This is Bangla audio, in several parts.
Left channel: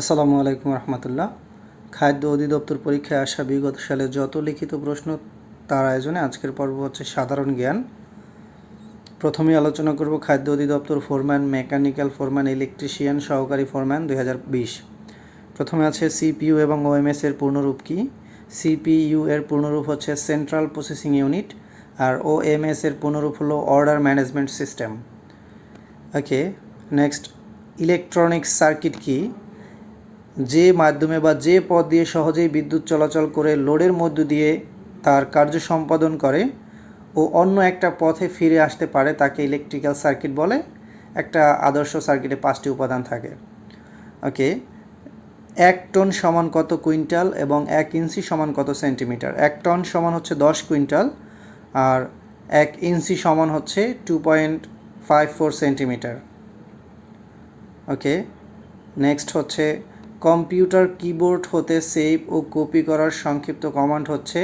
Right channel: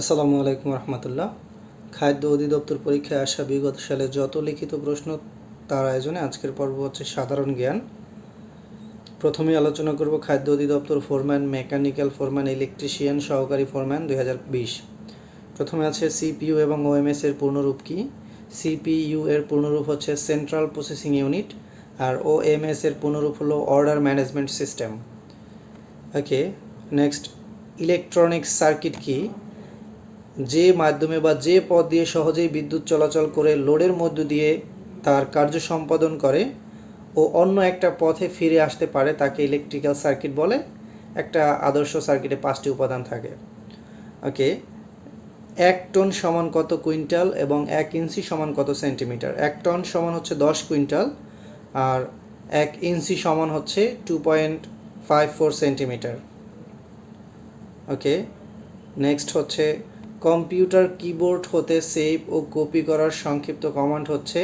আসসালামু আলাইকুম রহমতুল্লাহ। খাদ্য অধিদপ্তর পরীক্ষায় আসা বিগত সালে যত লিখিত প্রশ্ন তার আয়োজনে আজকের পর্ব হচ্ছে সাধারণ জ্ঞান। প্রথমে আলোচনা করব খাদ্য অধিদপ্তর ফোরম্যান, মেকানিক্যাল ফোরম্যান, ইলেকট্রিশিয়ান সহকারী ফোরম্যান দুই প্রথমে আছে সিপিইউ এবং ওএমএস এর পূর্ণরূপ কি? সিপিইউ এর পূর্ণরূপ হচ্ছে সেন্ট্রাল প্রসেসিং ইউনিট আর ওএমএস এর পূর্ণরূপ হলো order management system. Okay, next, electronics circuit কি? যে মাধ্যমে বা যে পথ দিয়ে সহজেই বিদ্যুৎ চলাচল করে লোডের মধ্য দিয়ে তার কার্য সম্পাদন করে ও অন্য একটা পথে ফিরে আসতে পারে, তাকে ইলেকট্রিক্যাল সার্কিট বলে। একটা আদর্শ সার্কিটে পাঁচটি উপাদান থাকে। ওকে এক টন সমান কত কুইন্টাল এবং এক ইঞ্চি সমান কত সেন্টিমিটার? এক টন সমান হচ্ছে দশ কুইন্টাল আর এক ইঞ্চি সমান হচ্ছে two point five four centimetre. Okay next হচ্ছে কম্পিউটার কিবোর্ড হতে সেভ ও কপি করার সংক্ষিপ্ত কমান্ড হচ্ছে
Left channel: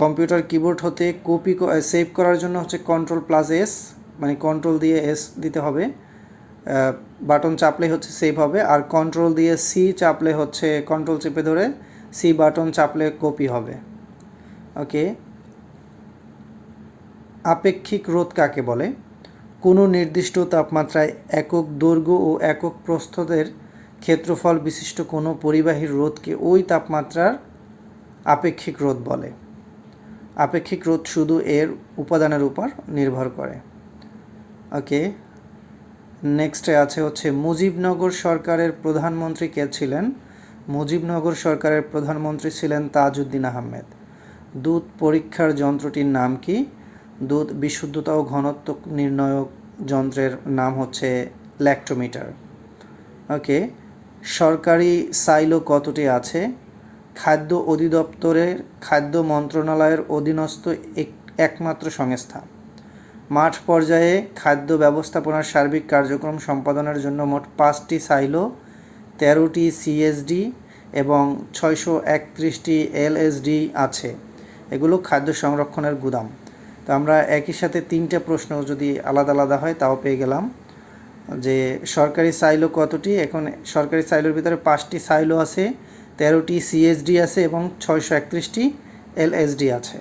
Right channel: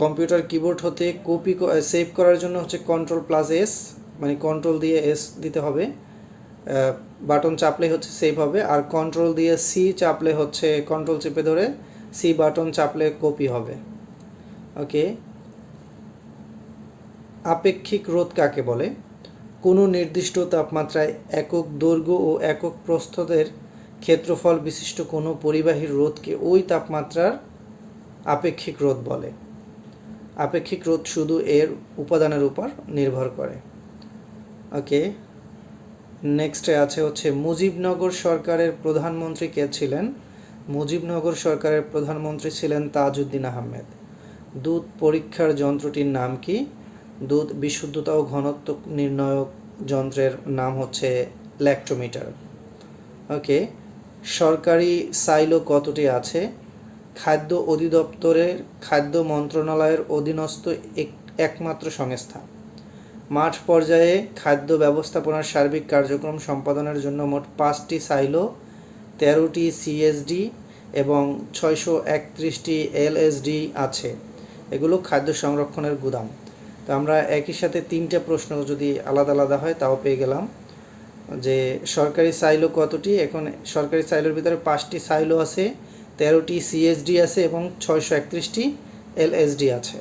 কম্পিউটার কিবোর্ড হতে কপি সেভ করার জন্য হচ্ছে কন্ট্রোল প্লাস এস মানে কন্ট্রোল দিয়ে এস দিতে হবে। বাটন চাপলে হচ্ছে সেভ হবে আর কন্ট্রোল দিয়ে সি চাপলে হচ্ছে কন্ট্রোল চেপে ধরে সি বাটন চাপলে কপি হবে। ওকে আপেক্ষিক রোধ কাকে বলে? কোনো নির্দিষ্ট তাপমাত্রায় একক দৈর্ঘ্য ও একক প্রস্থদের ক্ষেত্রফল বিশিষ্ট কোনো পরিবাহীর রোধকে ওই তাপমাত্রার আপেক্ষিক রোধ বলে। আপেক্ষিক রোধ শুধু এর উপাদানের উপর নির্ভর করে। ওকে, নেক্সটে আছে হচ্ছে মুজিবনগর সরকারের প্রধানমন্ত্রী কে ছিলেন? মুজিবনগর সরকারের প্রধানমন্ত্রী ছিলেন তাজউদ্দিন আহমেদ। দুধ পরীক্ষার যন্ত্রটির নাম কি? দুধ বিশুদ্ধতা ও ঘনত্ব নির্ণয়ক যন্ত্রের নাম হচ্ছে ল্যাক্টোমিটার ওকে সরকারি সাইলো কতটি আছে? খাদ্য অধিদপ্তরের খাদ্য মন্ত্রণালয়ের অধীনস্থ একমাত্র সংস্থা। মাঠ পর্যায়ে খাদ্য ব্যবস্থাপনার সার্বিক কার্যক্রম সম্পাদনের জন্য মোট পাঁচটি সাইলো, তেরোটি সিএসডি এবং ছয়শো একত্রিশটি এলএসডি আছে। এগুলো খাদ্য সংরক্ষণের গুদাম। তো আমরা একই সাথে তিনটে প্রশ্ন যদি আলাদা আলাদা হয়, তাও পেয়ে গেলাম। যে সরকারি সাইলো কতটি? এখন সরকারি সাইলোর ভিতরে পাঁচটি সাইলো আছে, তেরোটি সিএসডি আছে এবং ছয়শো একত্রিশটি এলএসডি আছে।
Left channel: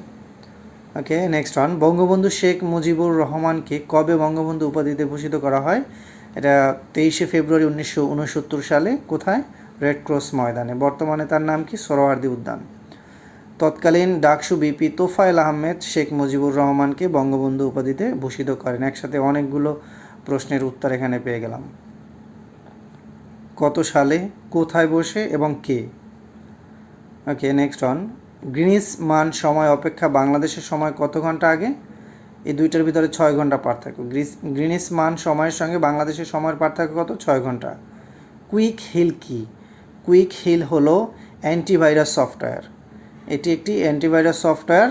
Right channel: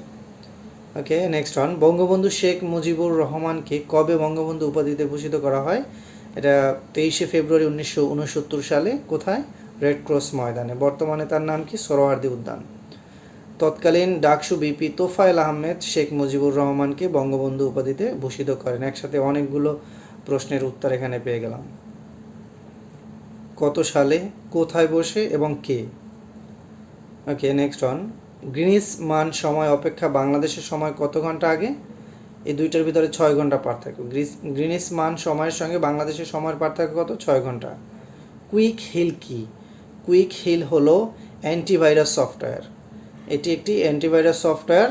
Okay next one Bangabandhu Sheikh Mujibur রহমানকে কবে বঙ্গবন্ধু উপাধিতে ভূষিত করা হয়? এটা তেইশে ফেব্রুয়ারি উনিশশো উনসত্তর সালে, কোথায়? রেড ক্রস ময়দানে। বর্তমানে তার নাম কি? সরোয়ার্দি উদ্যান। তৎকালীন ডাকসু বিপি তোফায়েল আহমেদ শেখ মুজিবুর রহমানকে বঙ্গবন্ধু উপাধিতে ভূষিত করেন। একসাথে অনেকগুলো প্রশ্নের উত্তর এখানে পেয়ে গেলাম। কত সালে, কোথায় বসে এবং কে? Okay next on Greenwich mean সময় অপেক্ষা বাংলাদেশের সময় কত ঘণ্টা আগে? এই দুইটার ভিতরে ছয় ঘণ্টা পার্থক্য। গ্রিনিস মান সময়ের সঙ্গে বাংলাদেশের সময়ের পার্থক্য কত? ছয় ঘণ্টা। কুইক হিল কি? কুইক হিল হলো অ্যান্টিভাইরাস সফটওয়্যার। এটি একটি অ্যান্টিভাইরাস সফটওয়্যার।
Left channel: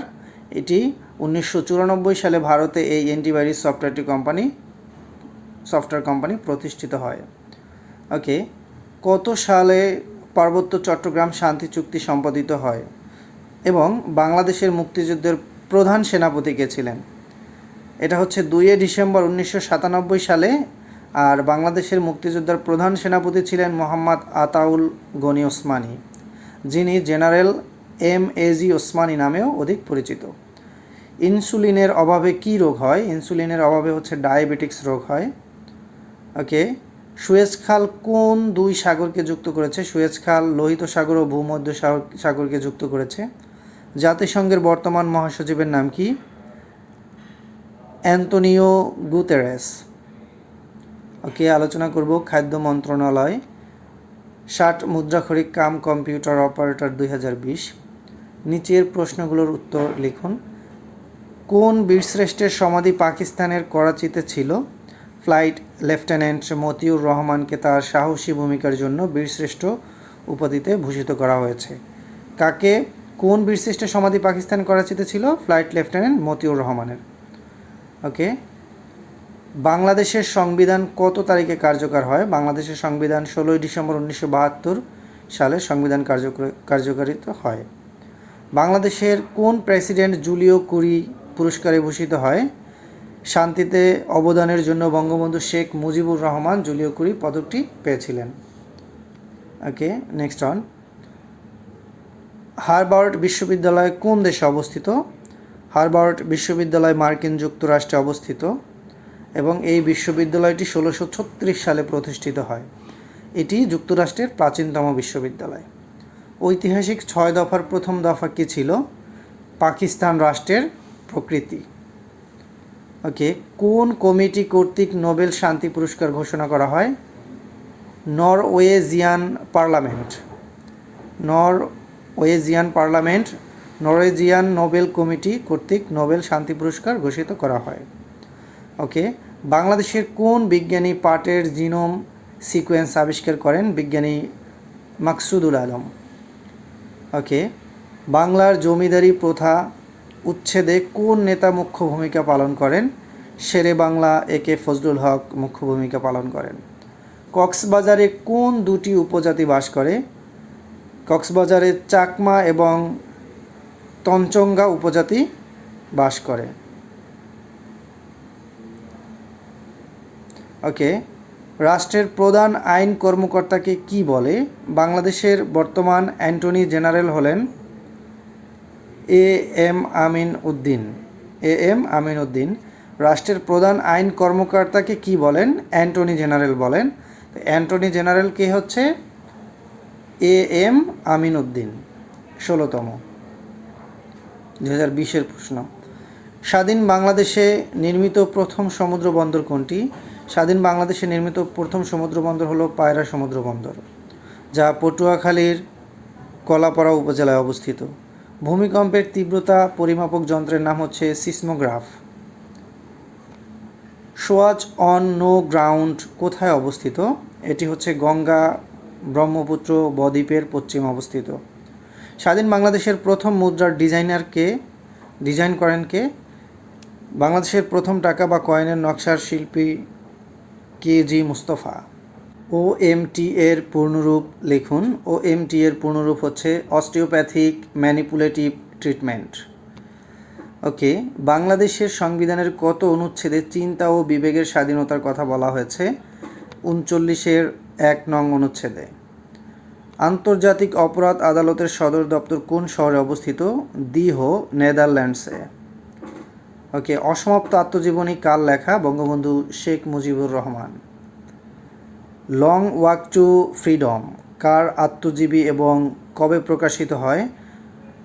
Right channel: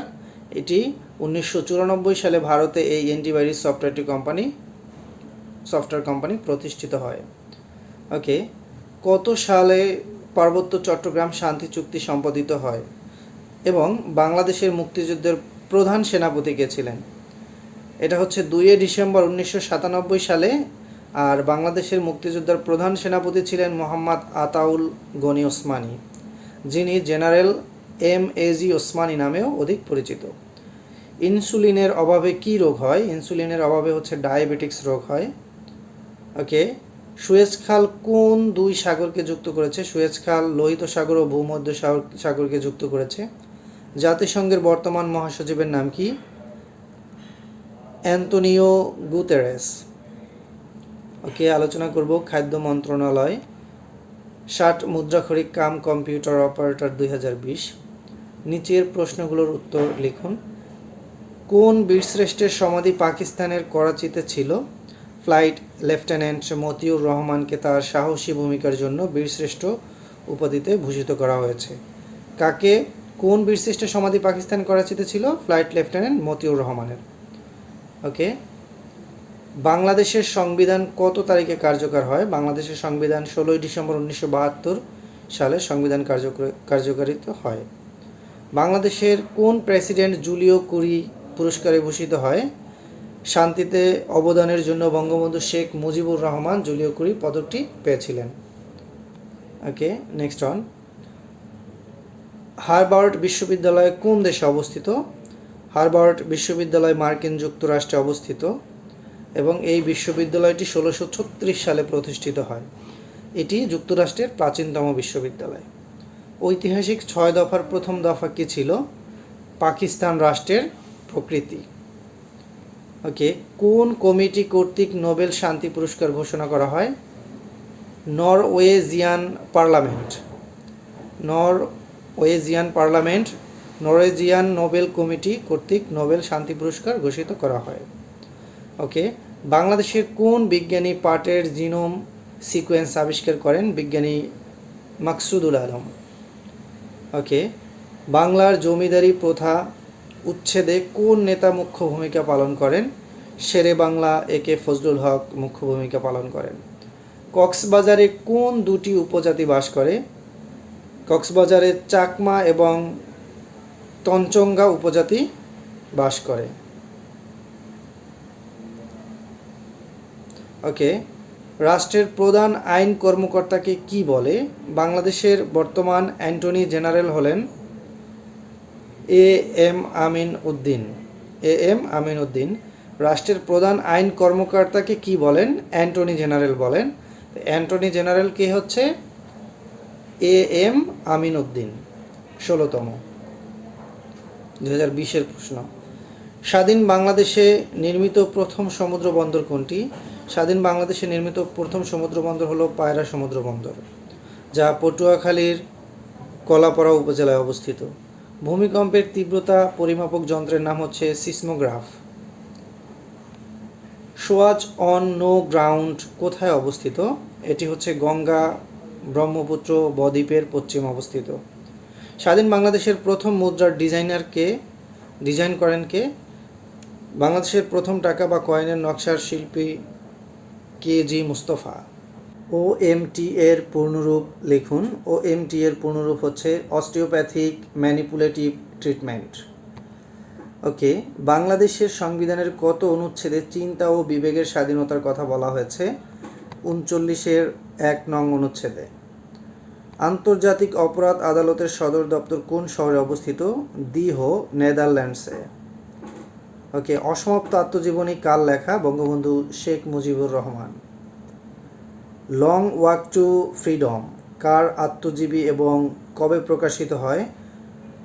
এটি উনিশশো চুরানব্বই সালে ভারতে এই অ্যান্টিভাইরাস সফটওয়্যারটি কোম্পানি সফটওয়্যার কোম্পানি প্রতিষ্ঠিত হয়। ওকে কত সালে পার্বত্য চট্টগ্রাম শান্তি চুক্তি সম্পাদিত হয় এবং বাংলাদেশের মুক্তিযুদ্ধের প্রধান সেনাপতি কে ছিলেন? এটা হচ্ছে দুইয়ে ডিসেম্বর উনিশশো সাতানব্বই সালে আর বাংলাদেশের মুক্তিযোদ্ধার প্রধান সেনাপতি ছিলেন মোহাম্মদ আতাউল গনি ওসমানী, যিনি জেনারেল এম এজি ওসমানী নামেও অধিক পরিচিত। ইনসুলিনের অভাবে কি রোগ হয়? ইনসুলিনের অভাবে হচ্ছে ডায়াবেটিক্স রোগ হয়। ওকে সুয়েজ খাল কোন দুই সাগরকে যুক্ত করেছে? সুয়েজ খাল লোহিত সাগর ও ভূমধ্য সাগরকে যুক্ত করেছে। জাতিসংঘের বর্তমান মহাসচিবের নাম কি? Antonio Guterres. ওকে আলোচনা করব খাদ্য মন্ত্রণালয়, ষাট মুদ্রাক্ষরিক কাম কম্পিউটার অপারেটর দুই হাজার বিশ। নিচের প্রশ্নগুলোর উত্তর লিখুন। কোন বীরশ্রেষ্ঠের সমাধি পাকিস্তানের করাচিতে ছিল? ফ্লাইট লেফটেন্যান্ট মতিউর রহমানকে তার সাহসী ভূমিকার জন্য বীরশ্রেষ্ঠ উপাধিতে ভূষিত করা হয়েছে। কাকে কোন বীরশ্রেষ্ঠের সমাধি পাকিস্তান করাচিতে ছিল? ফ্লাইট লেফটেন্যান্ট মতিউর রহমানের। ওকে? বাংলাদেশের সংবিধান কত তারিখে কার্যকর হয়? বাংলাদেশের সংবিধান ষোলোই ডিসেম্বর উনিশশো বাহাত্তর সালে সংবিধান কার্যকারিত হয়। বাংলাদেশের কোন প্রেসিডেন্ট জুলিও কুরি পুরস্কারে ভূষিত হয়? শান্তিতে অবদানের জন্য বঙ্গবন্ধু শেখ মুজিবুর রহমান জুলিও কুরি পদকটি পেয়েছিলেন। ওকে নেক্সট অন হারবার্ট বিশ্ববিদ্যালয় কোন দেশে অবস্থিত? হারবার্ট বিশ্ববিদ্যালয় মার্কিন যুক্তরাষ্ট্রে অবস্থিত এবং এই বিশ্ববিদ্যালয়টি ষোলোশো ছত্রিশ সালে প্রতিষ্ঠিত হয়। এটি যুক্তরাষ্ট্রের প্রাচীনতম বিশ্ববিদ্যালয়। ঐতিহাসিক ছয় দফার প্রথম দফা কী ছিল? পাকিস্তান রাষ্ট্রের প্রকৃতি। ওকে, কোন কমিটি কর্তৃক নোবেল শান্তি পুরস্কার ঘোষণা করা হয়? Norwegian parliament. Norwegian parliament, Norwegian Nobel committee কর্তৃক নোবেল শান্তি পুরস্কার ঘোষিত করা হয়। ওকে, বাংলাদেশের কোন বিজ্ঞানী পাটের জিনোম সিকোয়েন্স আবিষ্কার করেন? বিজ্ঞানী মাকসুদুল আলম। ওকে, বাংলার জমিদারি প্রথা উচ্ছেদে কোন নেতা মুখ্য ভূমিকা পালন করেন? শেরে বাংলা একে ফজলুল হক মুখ্য ভূমিকা পালন করেন। কক্সবাজারে কোন দুটি উপজাতি বাস করে? কক্সবাজারে চাকমা এবং তঞ্চঙ্গা উপজাতি বাস করে। ওকে, রাষ্ট্রের প্রধান আইন কর্মকর্তাকে কি বলে? বাংলাদেশের বর্তমান অ্যান্টনি জেনারেল হলেন A M Amin Uddin. A M Amin Uddin রাষ্ট্রের প্রধান আইন কর্মকর্তাকে কি বলেন? অ্যান্টনি জেনারেল বলেন। অ্যান্টনি জেনারেল কে হচ্ছে? এ এম আমিন উদ্দিন, ষোলোতম। দু হাজার বিশের প্রশ্ন। স্বাধীন বাংলাদেশে নির্মিত প্রথম সমুদ্র বন্দর কোনটি? স্বাধীন বাংলাদেশে নির্মিত প্রথম সমুদ্র বন্দর হলো পায়রা সমুদ্র বন্দর, যা পটুয়াখালীর কলাপাড়া উপজেলায় অবস্থিত। ভূমিকম্পের তীব্রতা পরিমাপক যন্ত্রের নাম হচ্ছে seismograph. Swatch of, No Ground কোথায় অবস্থিত? এটি হচ্ছে গঙ্গা ব্রহ্মপুত্র বদ্বীপের পশ্চিম অবস্থিত। স্বাধীন বাংলাদেশের প্রথম মুদ্রার ডিজাইনারকে ডিজাইন করেন কে? বাংলাদেশের প্রথম টাকা বা কয়েনের নকশার শিল্পী কে জি মুস্তফা। ও এম টি এর পূর্ণরূপ লিখুন। ও এম টি এর পূর্ণরূপ হচ্ছে অস্টিওপ্যাথিক ম্যানিপুলেটিভ ট্রিটমেন্ট ওকে বাংলাদেশের সংবিধানের কত অনুচ্ছেদে চিন্তা ও বিবেকের স্বাধীনতার কথা বলা হয়েছে? উনচল্লিশের এক নং অনুচ্ছেদে। আন্তর্জাতিক অপরাধ আদালতের সদর দপ্তর কোন শহরে অবস্থিত? দিহো, নেদারল্যান্ডসে। ওকে অসমাপ্ত আত্মজীবনী কাল লেখা? Bangabandhu Sheikh Mujibur Rahman. Long Walk to Freedom, কার আত্মজীবী এবং কবে প্রকাশিত হয়?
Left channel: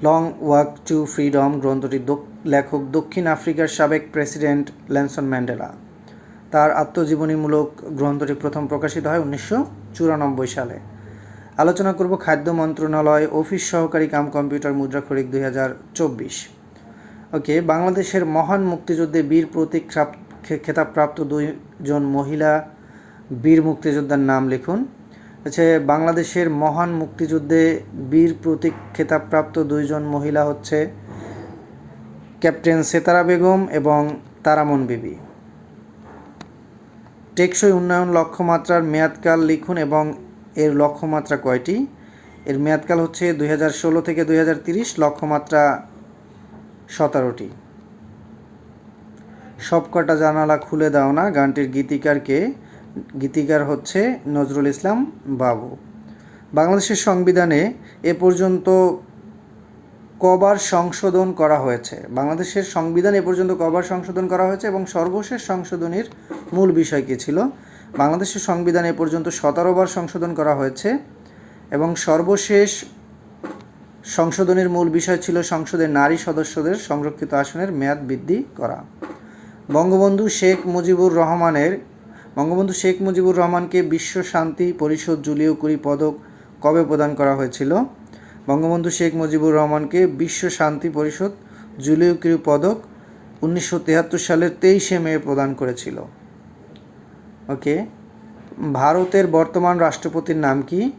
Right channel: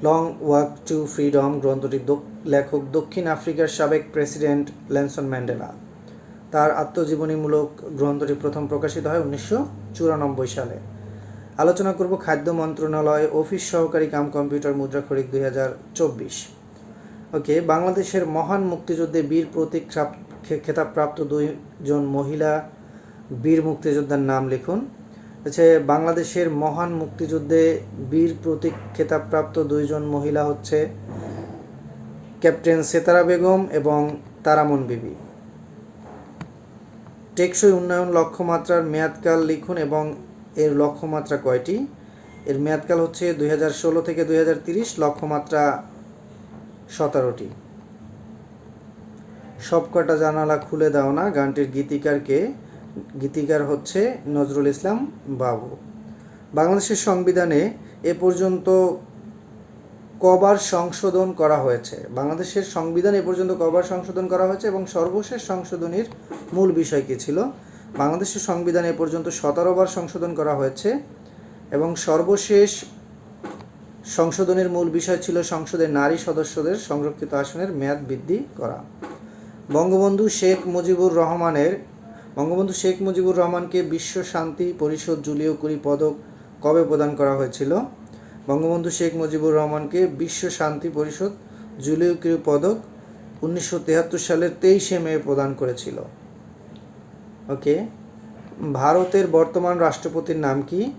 লং ওয়াক টু ফ্রিডম গ্রন্থটি লেখক দক্ষিণ আফ্রিকার সাবেক প্রেসিডেন্ট ল্যানসন ম্যান্ডেলা। তার আত্মজীবনীমূলক গ্রন্থটি প্রথম প্রকাশিত হয় উনিশশো চুরানব্বই সালে। আলোচনা করব খাদ্য মন্ত্রণালয় অফিস সহকারী কাম কম্পিউটার মুদ্রা খরিক দুই হাজার চব্বিশ। ওকে, বাংলাদেশের মহান মুক্তিযুদ্ধে বীর প্রতীক খেতাবপ্রাপ্ত দুইজন মহিলা বীর মুক্তিযোদ্ধার নাম লিখুন। হচ্ছে, বাংলাদেশের মহান মুক্তিযুদ্ধে বীর প্রতীক খেতাবপ্রাপ্ত দুইজন মহিলা হচ্ছে ক্যাপ্টেন সেতারা বেগম এবং তারামন বিবি। টেকসই উন্নয়ন লক্ষ্যমাত্রার মেয়াদকাল লিখুন এবং এর লক্ষ্যমাত্রা কয়টি? এর মেয়াদকাল হচ্ছে দুই হাজার ষোলো থেকে দুই লক্ষ্যমাত্রা সতেরোটি। সবকটা জানালা খুলে দাও না, গানটির গীতিকারকে গীতিকার হচ্ছে নজরুল ইসলাম বাবু। বাংলাদেশের সংবিধানে এ পর্যন্ত কবার সংশোধন করা হয়েছে। বাংলাদেশের সংবিধান এ পর্যন্ত কবার সংশোধন করা হয়েছে এবং সর্বশেষ সংশোধনীর মূল বিষয় কী ছিল? বাংলাদেশের সংবিধান এ পর্যন্ত সতেরোবার সংশোধন করা হয়েছে এবং সর্বশেষ সংশোধনের মূল বিষয় ছিল সংসদের নারী সদস্যদের সংরক্ষিত আসনের মেয়াদ বৃদ্ধি করা। বঙ্গবন্ধু শেখ মুজিবুর রহমানের বঙ্গবন্ধু শেখ মুজিবুর রহমানকে বিশ্ব শান্তি পরিষদ জুলিও কুরি পদক কবে প্রদান করা হয়েছিল? বঙ্গবন্ধু শেখ মুজিবুর রহমানকে বিশ্ব শান্তি পরিষদ জুলিও কুরি পদক উনিশশো তেহাত্তর সালের তেইশে মে প্রদান করেছিল। ওকে, ভারতের বর্তমান রাষ্ট্রপতির নাম কি?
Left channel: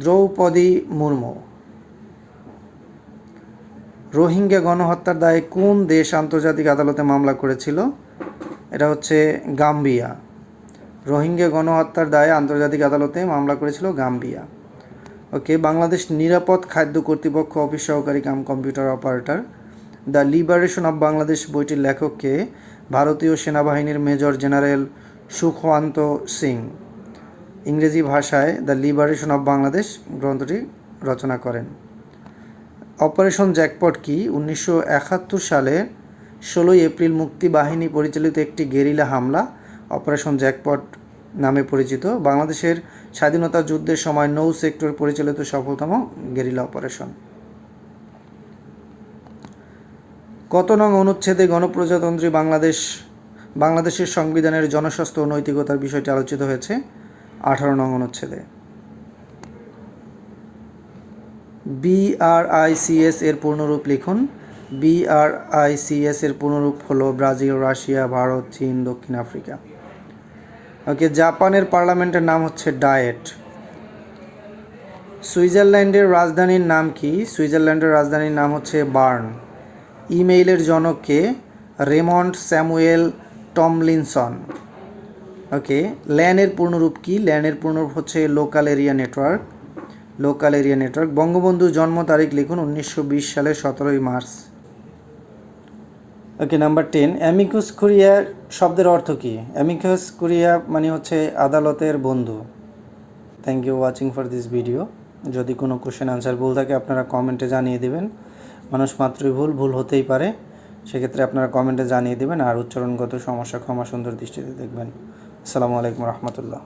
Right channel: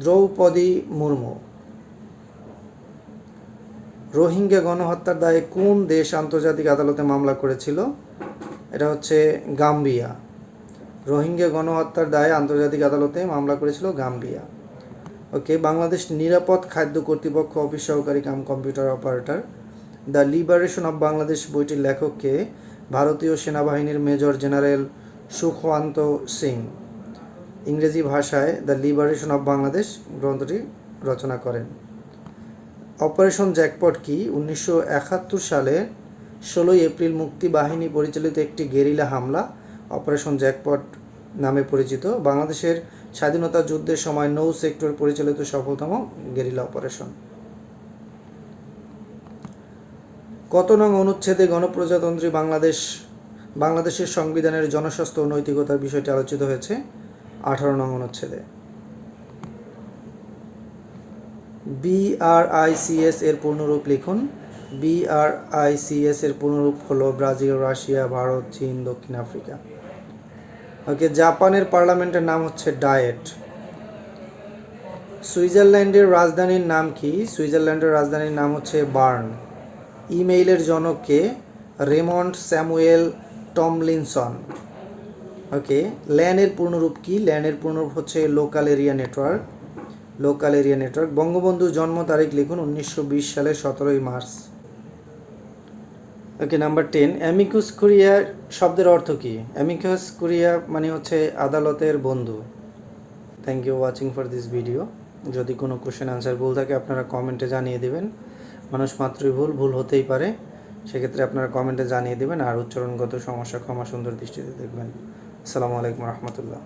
দ্রৌপদী মুর্মু। রোহিঙ্গা গণহত্যার দায়ে কোন দেশ আন্তর্জাতিক আদালতে মামলা করেছিল? এটা হচ্ছে গাম্বিয়া। রোহিঙ্গা গণহত্যার দায়ে আন্তর্জাতিক আদালতে মামলা করেছিল গাম্বিয়া। ওকে, বাংলাদেশ নিরাপদ খাদ্য কর্তৃপক্ষ অফিস সহকারী cum computer operator. The Liberation of Bangladesh বইটির লেখককে ভারতীয় সেনাবাহিনীর মেজর জেনারেল সুখওয়ান্ত সিং। ইংরেজি ভাষায় দ্য লিবারেশন অব বাংলাদেশ গ্রন্থটি রচনা করেন। অপারেশন জ্যাকপট কি উনিশশো একাত্তর সালে ষোলোই এপ্রিল মুক্তি বাহিনী পরিচালিত একটি গেরিলা হামলা, অপারেশন জ্যাকপট নামে পরিচিত। বাংলাদেশের স্বাধীনতা যুদ্ধের সময় নৌ সেক্টর পরিচালিত সফলতম গেরিলা অপারেশন। কত নং অনুচ্ছেদে গণপ্রজাতন্ত্রী বাংলাদেশ, বাংলাদেশের সংবিধানের জনস্বাস্থ্য ও নৈতিকতার বিষয়টি আলোচিত হয়েছে আঠারো নং অনুচ্ছেদে। বিআরআইসিএস এর পূর্ণরূপ লিখুন বিআরআইসিএস এর পূর্ণরূপ হলো ব্রাজিল, রাশিয়া, ভারত, চীন, দক্ষিণ আফ্রিকা। ওকে, জাপানের পার্লামেন্টের নাম হচ্ছে ডায়েট। সুইজারল্যান্ডের রাজধানীর নাম কি? সুইজারল্যান্ডের রাজধানীর নাম হচ্ছে বার্ন। ইমেইলের জনককে রেমন্ড স্যামুয়েল টমলিনসন। ওকে, ল্যানের পূর্ণরূপ কি? ল্যানের পূর্ণরূপ হচ্ছে local area network. Local area network. বঙ্গবন্ধুর জন্ম তারিখ লিখুন উনিশশো বিশ সালের সতেরোই March. Okay number ten amicus curiae শব্দের অর্থ কী? অ্যামিকাস কুরিয়া মানে হচ্ছে আদালতের বন্ধু। Thank you watching for this video যদি কোনো কোশ্চেন আনসার ভুল থাকে, আপনারা কমেন্টে জানিয়ে দেবেন। মানুষ মাত্রই ভুল ভুল হতেই পারে। সেক্ষেত্রে আপনারা কমেন্টে জানিয়ে দেবেন আর উচ্চারণগত সমস্যা ক্ষমা সুন্দর দৃষ্টিতে দেখবেন। আসসালামু আলাইকুম রহমতুল্লাহ।